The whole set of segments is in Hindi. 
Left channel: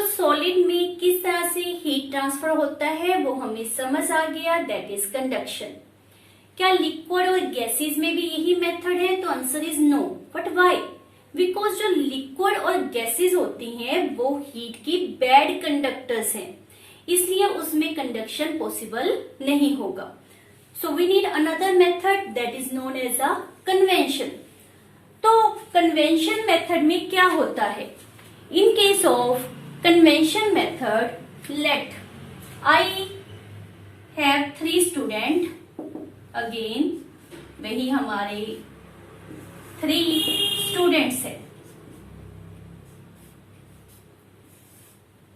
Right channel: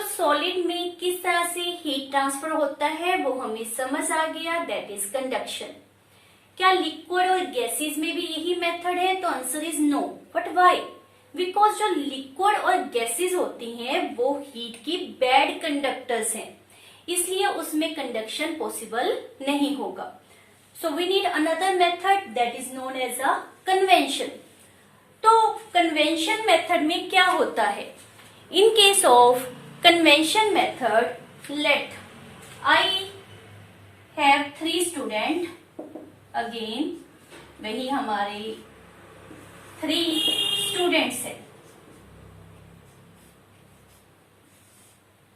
तो सॉलिड में किस तरह से हीट ट्रांसफर होता है वो हमें समझ आ गया, दैट इज कंडक्शन। क्या लिक्विड और गैसेस में भी यही मेथड है? तो answer is no. But why? Because जो लिक्विड और गैसेस होती हैं वो हीट की बैड कंडक्टर्स हैं, इसलिए उसमें कंडक्शन पॉसिबल नहीं होगा। So we need another method that is known as a convention. तो कन्वेंशन मेथड में क्या होता है? In case of convention method, let I have 3 student, again वही हमारे 3 स्टूडेंट्स है,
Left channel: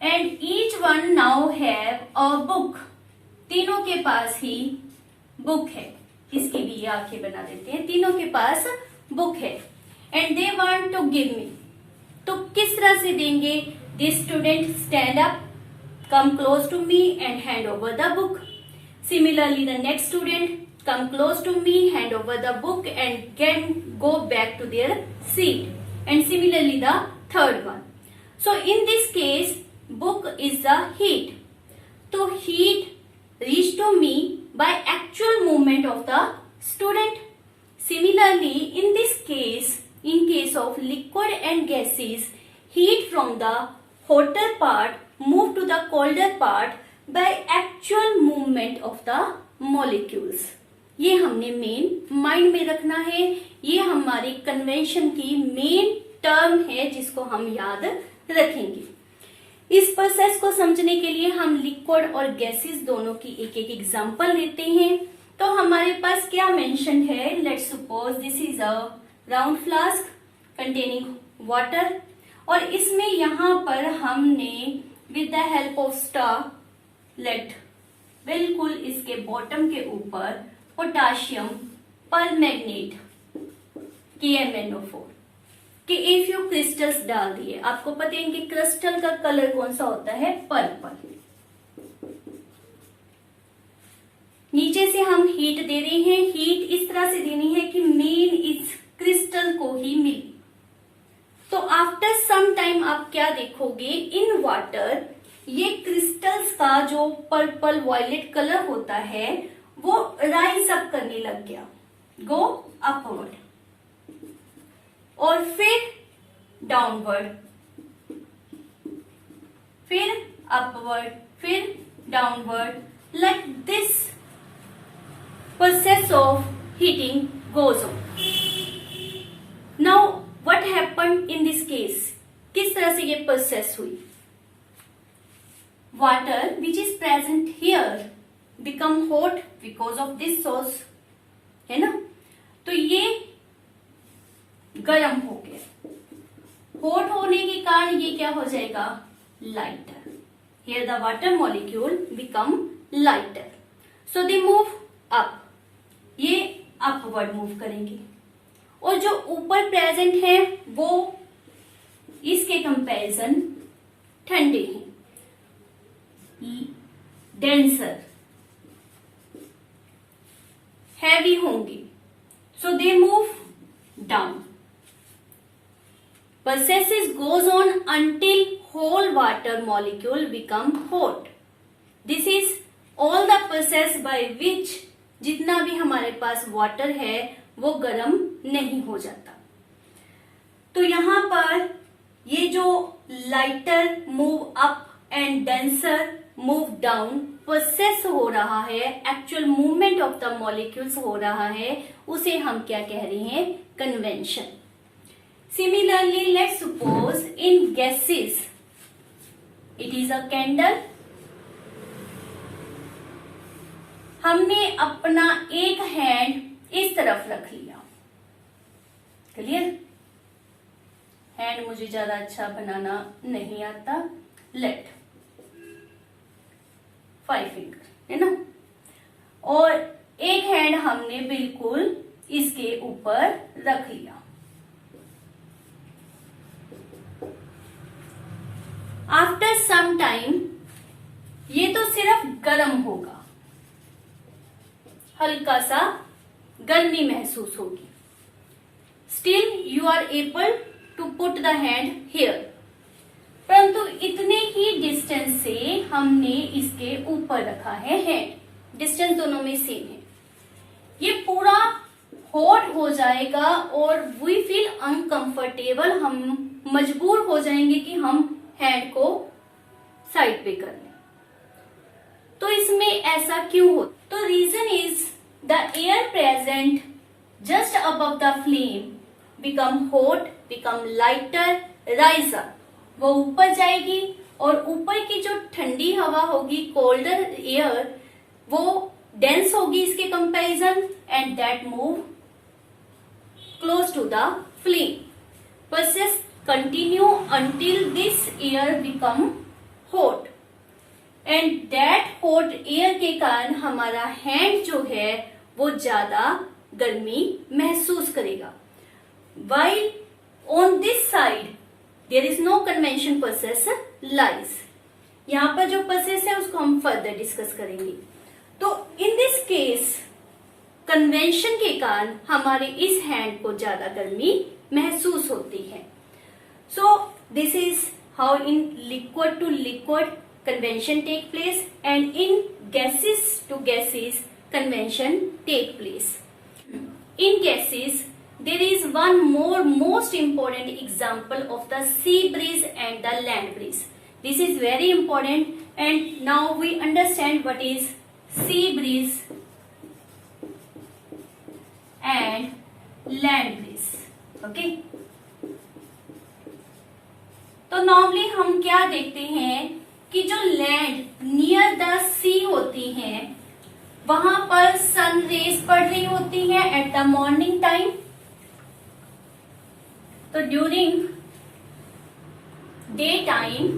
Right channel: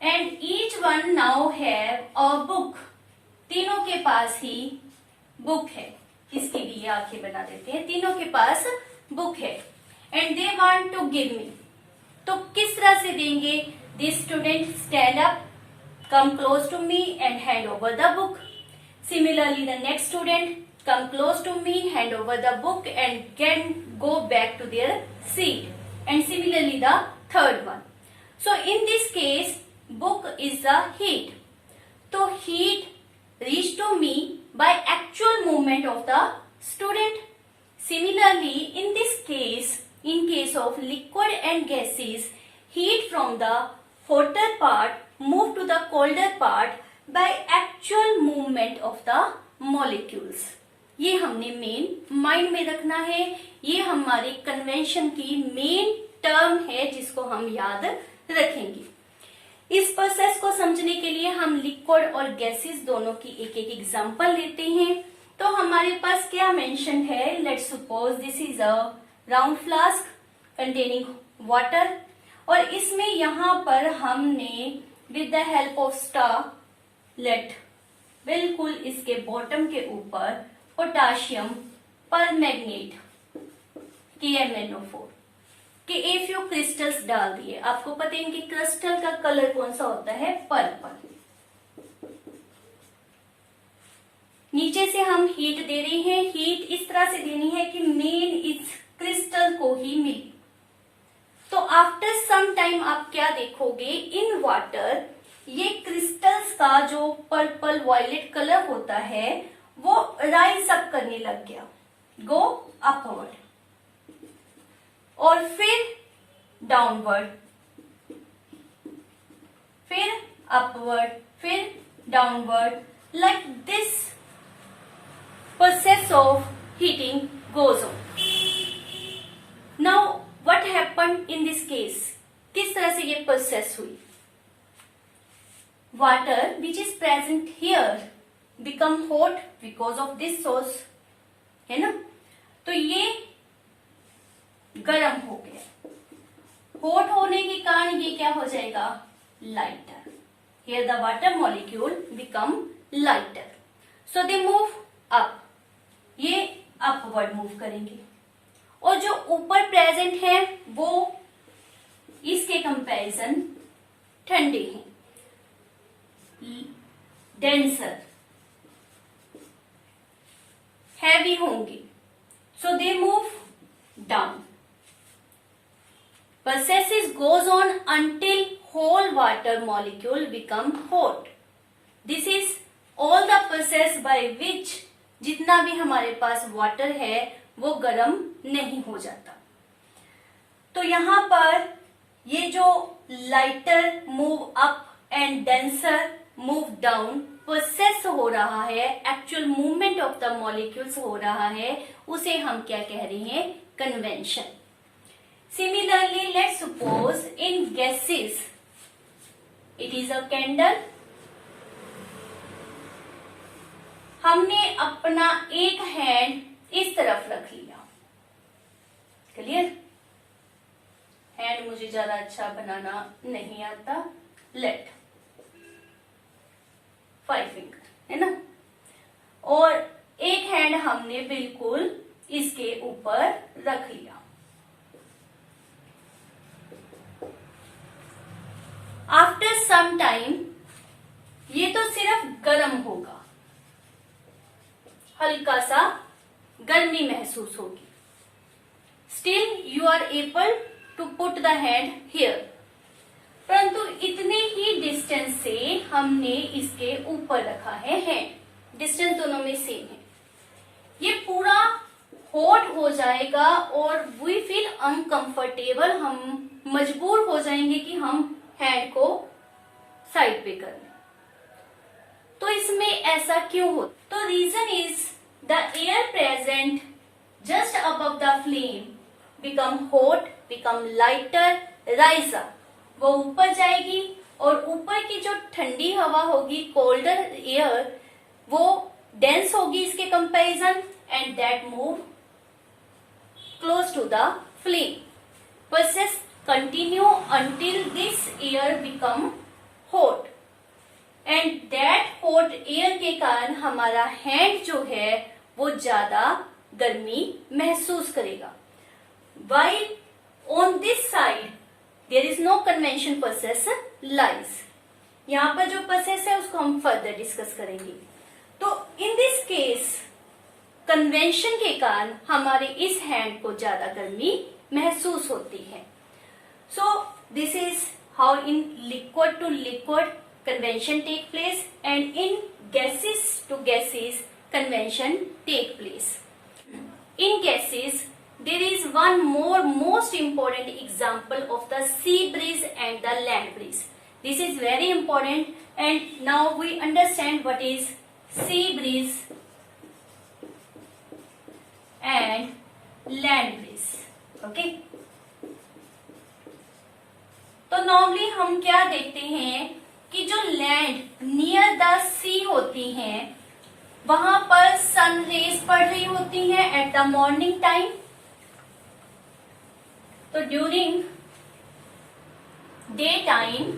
and each one now have a book. तीनों के पास ही बुक है। इसकी भी ये आंखें बना देते हैं। तीनों के पास बुक है and they want to give me. तो किस तरह से देंगे? This student stand up, come close to me and hand over the book. Similarly the next student come close to me, hand over the book and can go back to their seat, and similarly the third one. So in this case book is the heat. So heat reach to me by actual movement of the student. Similarly in this case, in case of liquid and gases, heat from the hotter part move to the colder part by actual movement of the molecules. ये हमने मेन माइंड में रखना है। ये हमारी कन्वेंशन की मेन टर्म है जिसको हम याद रखेंगे। इस प्रोसेस को समझने के लिए हम लिक्विड और गैसेस दोनों की एक एक एग्जांपल लेते हैं। तो हमारे पास क्या मेंशन है? Let's suppose this is a round flask containing water, और इसमें यहां पर हमने with the help of star, let बिल्कुल इसके बॉटम के ऊपर पोटाशियम परमैंगनेट KMnO4 के ए फ्यू क्रिस्टल्स डाल दिए। आपको पता है इनके क्रिस्टल का कलर कौन सा होता है? पर्पल। नीचे से हम हीट दे रहे हैं। हीट इस तरह से देनी है कि मेन इस क्रिस्टल को ही मिले। तो आफ्टर सम टाइम आप क्या देखोगे? इन वाटर ये क्रिस्टल्स का जो पर्पल वायलेट कलर होता है वो राइज अप करने लग गया, गो अपवर्ड, और फिर डाउनवर्ड, फिर अपवर्ड, फिर downward, like this process of heating goes on. Now what happened in this case? किस तरह से ये प्रोसेस हुई? Water which is present here become hot because of this source, है ना? तो ये गर्म हो गया। हॉट होने के कारण ये क्या हो जाएगा? Lighter. Here the water molecule become lighter, so they move up. ये अपवर्ड मूव करेंगे, और जो ऊपर प्रेजेंट है वो इसके कंपैरिजन ठंडे हैं, डेंसर, हैवी होंगे, so they move down. Process goes on until whole water molecule become hot. This is all the process by which जितना भी हमारे पास वाटर है वो गर्म नहीं हो जाता। तो यहां पर ये जो lighter move up and denser move down process हो रहा है, actual movement of the molecules हो रहा है, उसे हम क्या कह रहे हैं? Convention. Similarly let's suppose in gases it is a candle. हमने अपना एक हैंड इस तरफ रख लिया, क्लियर? हैंड मुझे ज्यादा अच्छा बनाना नहीं आता। लेट 5 फिंगर, है ना? और एक हैंड हमने बिल्कुल इसके ऊपर रख लिया। आफ्टर सम टाइम ये तो सिर्फ गर्म होगा, हल्का सा गर्मी महसूस होगी। Still you are able to put the hand here, परंतु इतने डिस्टेंस से हमने इसके ऊपर रखा है हैंड, डिस्टेंस दोनों में सेम है। ये पूरा हॉट हो जाएगा और वी फील अनकंफर्टेबल, हम मजबूर हो जाएंगे कि हम हैंड को साइड पे कर लें। तो इसमें ऐसा क्यों हो? तो reason is the air present just above the flame become hot, become lighter, rise up. वो ऊपर जाएगी और ऊपर की जो ठंडी हवा होगी, कोल्डर एयर, वो डेंस होगी इसके comparison and that move close to the flame. Process continue until this air become hot and that hot air के कारण हमारा हैंड जो है वो ज्यादा गर्मी महसूस करेगा। While on this side there is no convection process lies. यहाँ पर जो प्रोसेस है उसको हम फर्दर डिस्कस करेंगे। तो इन दिस केस कन्वेंशन के कारण हमारे इस हैंड को ज्यादा गर्मी महसूस होती है। So this is how in liquid to liquid convention take place and in gases to gases convention take place. In gases, there is one more most important example of the sea breeze and the land breeze. This is very important, and now we understand what is sea breeze and land breeze. Okay? तो नॉर्मली हम क्या देखते हैं कि जो लैंड नियर द सी होती हैं वहां पर सन रेज पड़ रही होती हैं एट द मॉर्निंग टाइम। तो during day time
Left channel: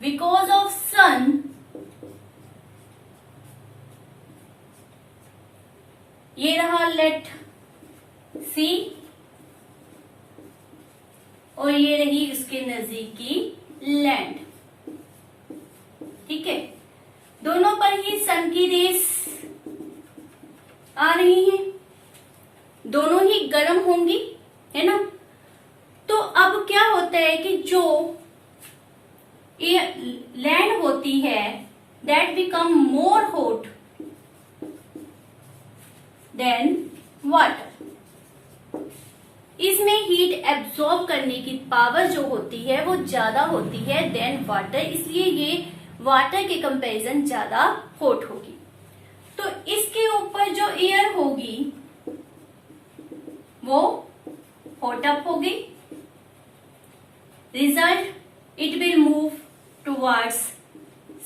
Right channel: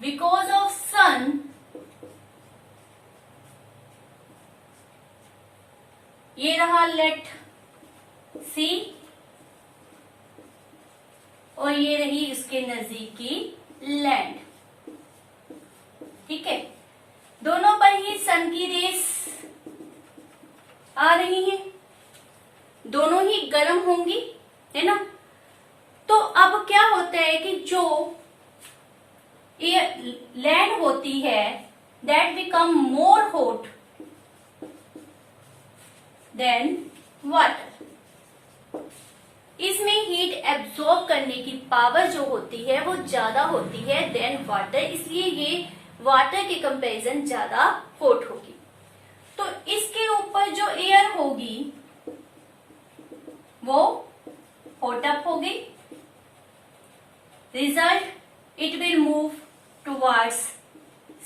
because of sun ये रहा लेट सी और ये रही इसके नजदीकी लैंड। ठीक है, दोनों पर ही सन की रेस आ रही हैं, दोनों ही गर्म होंगी, है ना। तो अब क्या होता है कि जो ये लैंड होती है that become more hot than water. इसमें हीट एब्जॉर्ब करने की पावर जो होती है वो ज्यादा होती है देन वाटर, इसलिए ये वाटर के कंपैरिजन ज्यादा हॉट होगी। तो इसके ऊपर जो एयर होगी वो हॉट अप होगी। Result it will move towards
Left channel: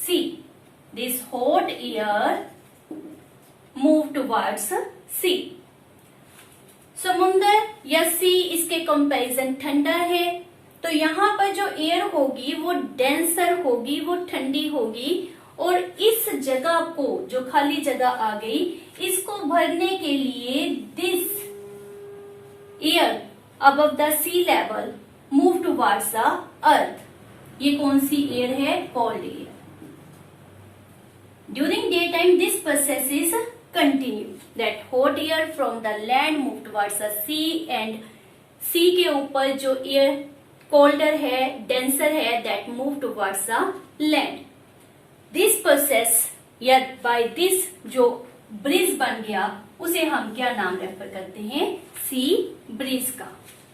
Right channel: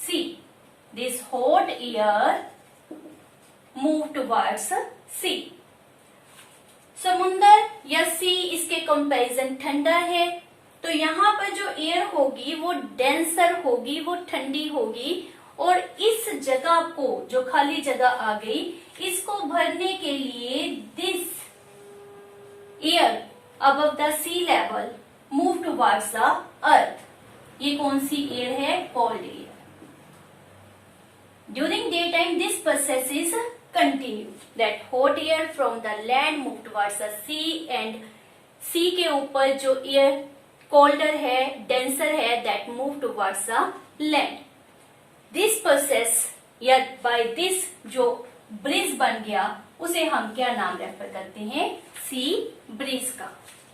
sea. This hot air move towards sea. समुंदर या सी इसके कंपैरिजन ठंडा है, तो यहाँ पर जो एयर होगी वो डेंसर होगी, वो ठंडी होगी, और इस जगह को जो खाली जगह आ गई इसको भरने के लिए this air above the sea level move towards the earth. ये कौन सी एयर है? Cold air. During day time this process is continue, that hot air from the land move towards the sea and sea के ऊपर जो एयर कोल्डर है, डेंसर है, that move towards the land. This process या बाय दिस जो ब्रिज बन गया उसे हम क्या नाम रेफर करते हैं? सी ब्रिज का।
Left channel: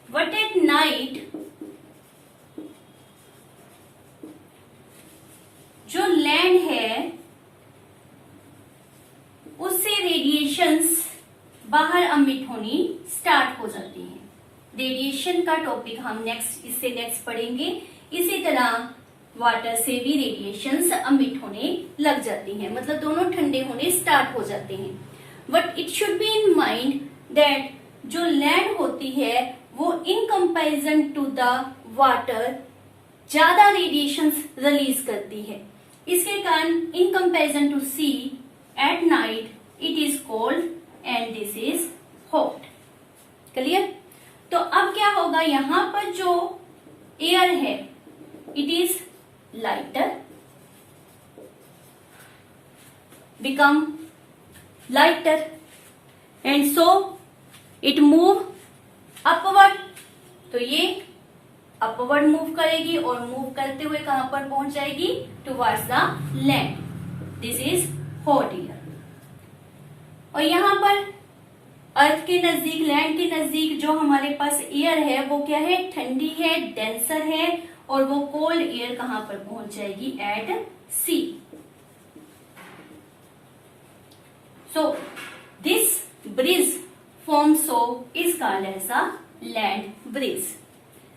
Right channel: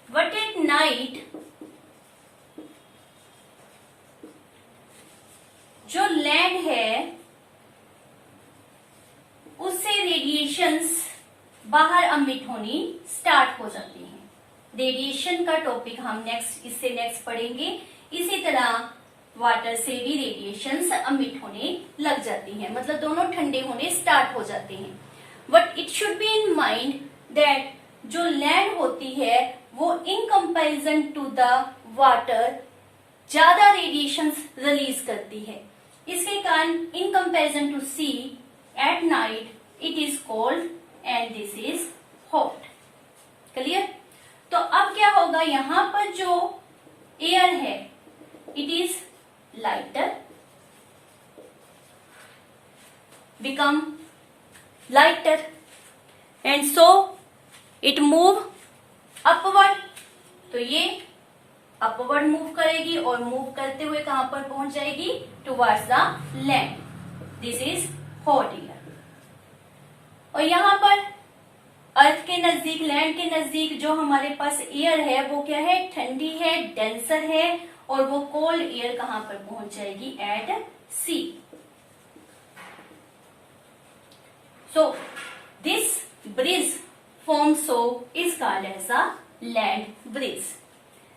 बट एट नाइट जो लैंड है उससे रेडिएशंस बाहर अमिट होनी स्टार्ट हो जाती हैं। रेडिएशन का टॉपिक हम इससे नेक्स्ट पढ़ेंगे। इसी तरह वाटर से भी रेडिएशंस अमिट होने लग जाती हैं, मतलब दोनों ठंडे होने स्टार्ट हो जाते हैं। But it should be in mind that जो लैंड होती है वो in comparison to the water ज्यादा रेडिएशंस रिलीज करती है। इसके कारण in comparison to sea at night it is cold and this is hot. Clear? तो अब क्या होगा, यहां पर जो एयर है it is lighter, become lighter and so it move upward. तो ये अपवर्ड मूव करेगी और मूव करते हुए कहां पर पहुंच जाएगी, towards the land. This is hot air. और यहां पर अर्थ के नजदीक, लैंड के नजदीक जो हमारे पास एयर है वो क्या है, ठंडी है, डेंसर है. और वो कोल्ड एयर कहां पर पहुंच जाएगी, at sea. So this breeze form so is called as a land breeze.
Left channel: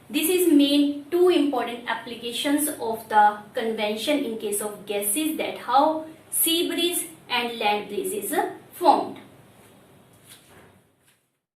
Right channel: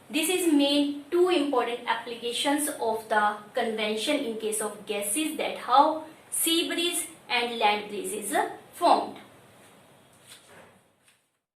This is main two important applications of the convention in case of gases, that how sea breeze and land breeze is formed.